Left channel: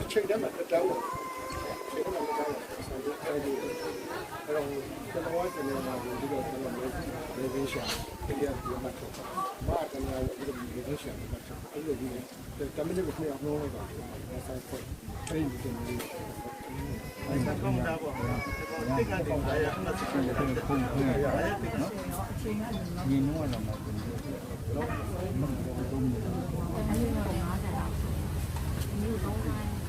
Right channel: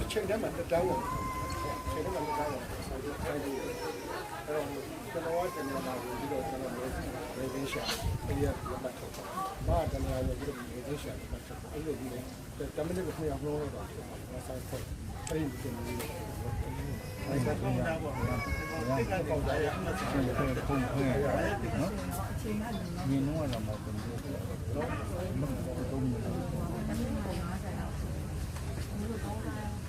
အချိန်တည်းမှာတောင်းတယ် တို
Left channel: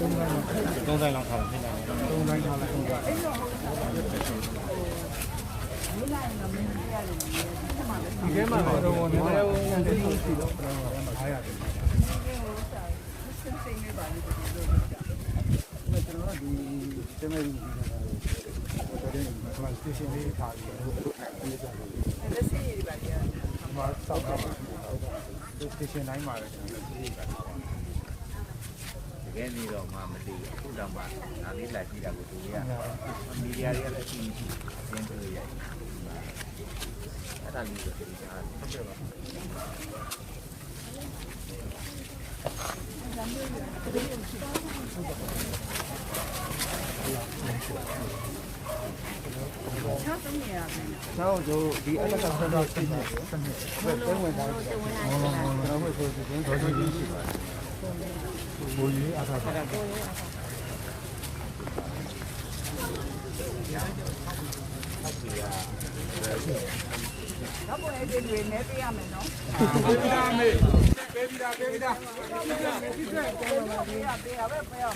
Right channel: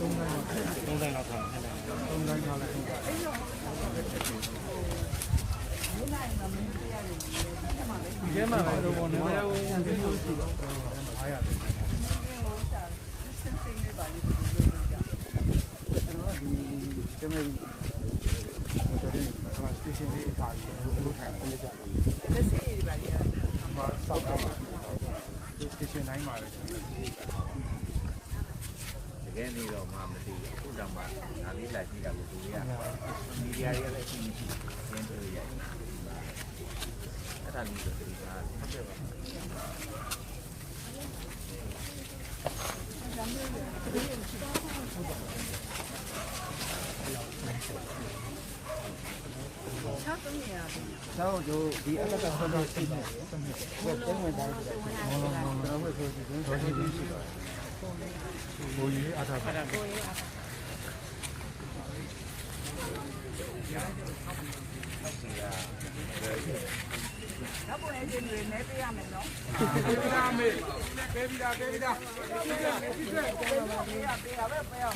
မယ်ဆိုတော့အဲ့ဒီကိုတမန်ကိုပြောမှာတကယ်ရထားတာတမန်6လာတယ်ကျွန်တော်မလေး6လာတယ်ဟိုဒီနေ့6ရက်တမန်ပြောပုံမှန်တမန်ကိုပြောတယ်6လာတယ်ကျွန်တော်တို့ကတော့ဟိုတိုင်းဆုံးလာတော့သုံးဆိုင်လောက်ထားတယ်သုံးတိုင်းထားလိုက်ဒီမှာတော့တော့ဘာလို့ညနေလို့ရှိတော့ဘယ်လိုလဲ900တယ်ကျွန်တော်ဒီတမဲကြီးဟိုတကယ်ကလာစတေရှင်လေးထားပြီးဟိုလိုထိုင်နေကြတယ်လက်စီတွေပါလေ။မှာစောက်တာပါ။ဒီစတေရှင်တိုင်းမှာလည်းကျွန်တော်ဒီက တကယ်နေတော့မှမသိဘူးအခုတော့မှဒါလေးလာကြည့်တာကိုသူကမီဒီယာရဲ့အရှိရှိရင်းတွေရဲ့အဲ့ဒါလေးကိုသူကဟုတ်ကဲ့ပါကျောင်းတို့ဒီအလကဆက်တော့ရှိနေစနစ်ပဲ sao chú đi ăn cái thằng đó xin nhỉ xin nhỉ vậy cái người này nó nó nó nó phải thôi thì cũng thôi thì đi vậy bố gì à thằng Đó bố em đi luyện mẹ bia mày nó. Bia mẹ. Bia bia bia bia. Bia bia bia bia.